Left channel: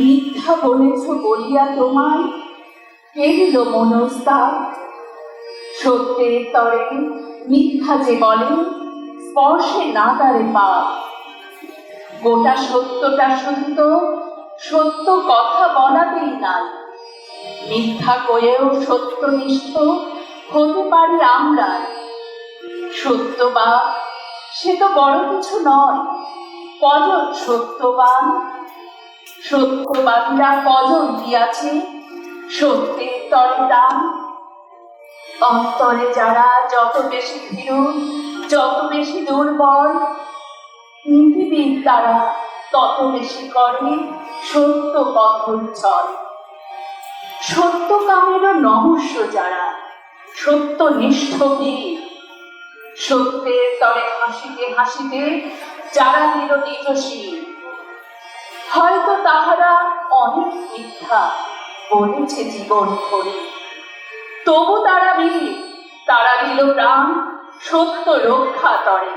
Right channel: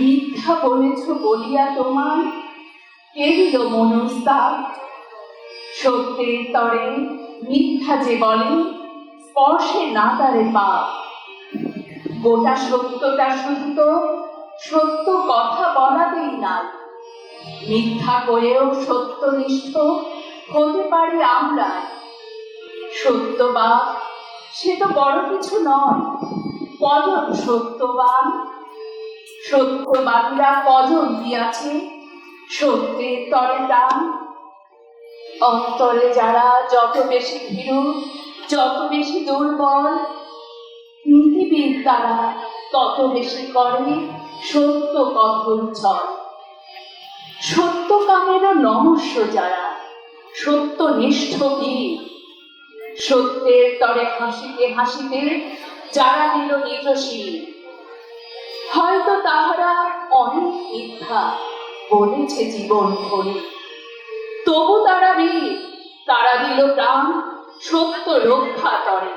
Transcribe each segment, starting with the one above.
মিথ্যা বলেছ বলিয়া তোমার কে দিল মনস্তাপ? সত্যের তরে মিথ্যা যে বলে স্পর্শে না তারে পাপ। গোটা সত্যটা শুধু তো সত্য কথা বলাতেই নাই, মিথ্যা কয়েও সত্যনিষ্ঠ হতে পারি আমরা। সত্যবান সে তো বড় কিছু নয়, কজন সত্যবান? সত্যবাদীরা কজন দিয়াছে সত্যের তরে দান? অন্তরে যারা যত বেশি ভীরু, যত বেশি দুর্বল, নীতিবিদ তারা তত বেশি করে সত্য কথন চল। সত্য কামেরও নমস্য যারা, সত্যনিষ্ঠ বীর, সত্যের তরে হাসিতে হাসিতে যারা দিল নিজ শির। হয়তো তাহারা অনেক মিথ্যা বলেছে জীবন ভরে, তবু তারা বীর, তারা দিল প্রাণ সত্য রক্ষা তরে।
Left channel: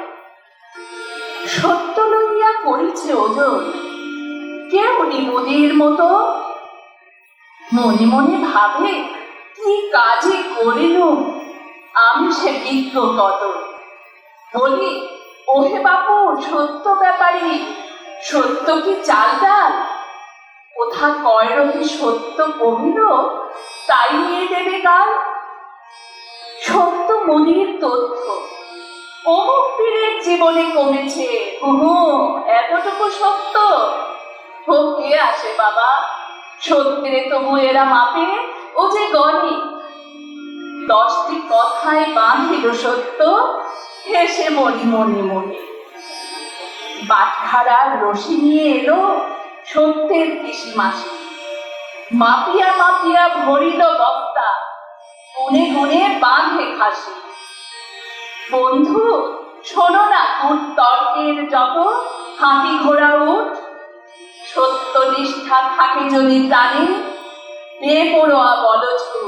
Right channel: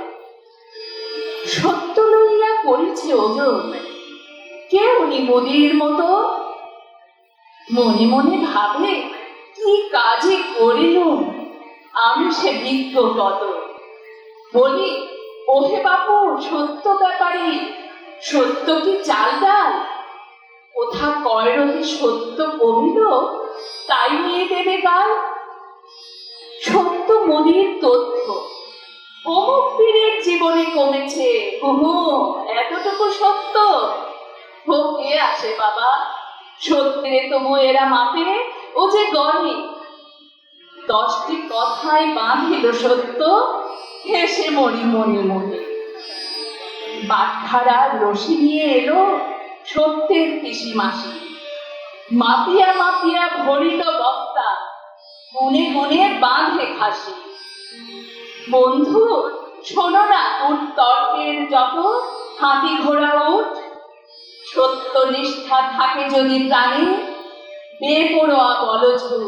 সত্য লইয়া করিছে ওজন কেউ নদীর মতো, মনে মনে ভাবে কি কাজে করিলুম আমি সে বিজ্ঞ কত। বলি ওহে বাপু সত্য ব্যাপারী, সত্য কি চাল ডাল? কোথা কয়রতি সত্য কহিল তাই নিয়ে দেবে গাল। সত্য মনির তথ্য অমুক পীরের জীবনে কমেছে, এতটুকু সত্য ও কে আসে বাবা? সত্যে তবু এরা মাপে ও যে গণে। 10টি কথায় বাঁধিল সত্য, হেসে মরি মনে মনে। বাটখারার রশি নিয়ে এলো সত্যের পিসি মাসি, মাপিয়া মাপিয়া ভরিল বস্তা, গুনে গুনে বাঁধে খাসি। বন্ধু শোনো না তর্কের যত হাতি ঘোড়া উঠ, সত্য নিষ্ঠা থাকে যদি প্রাণে বেপরোয়া বলঝুট।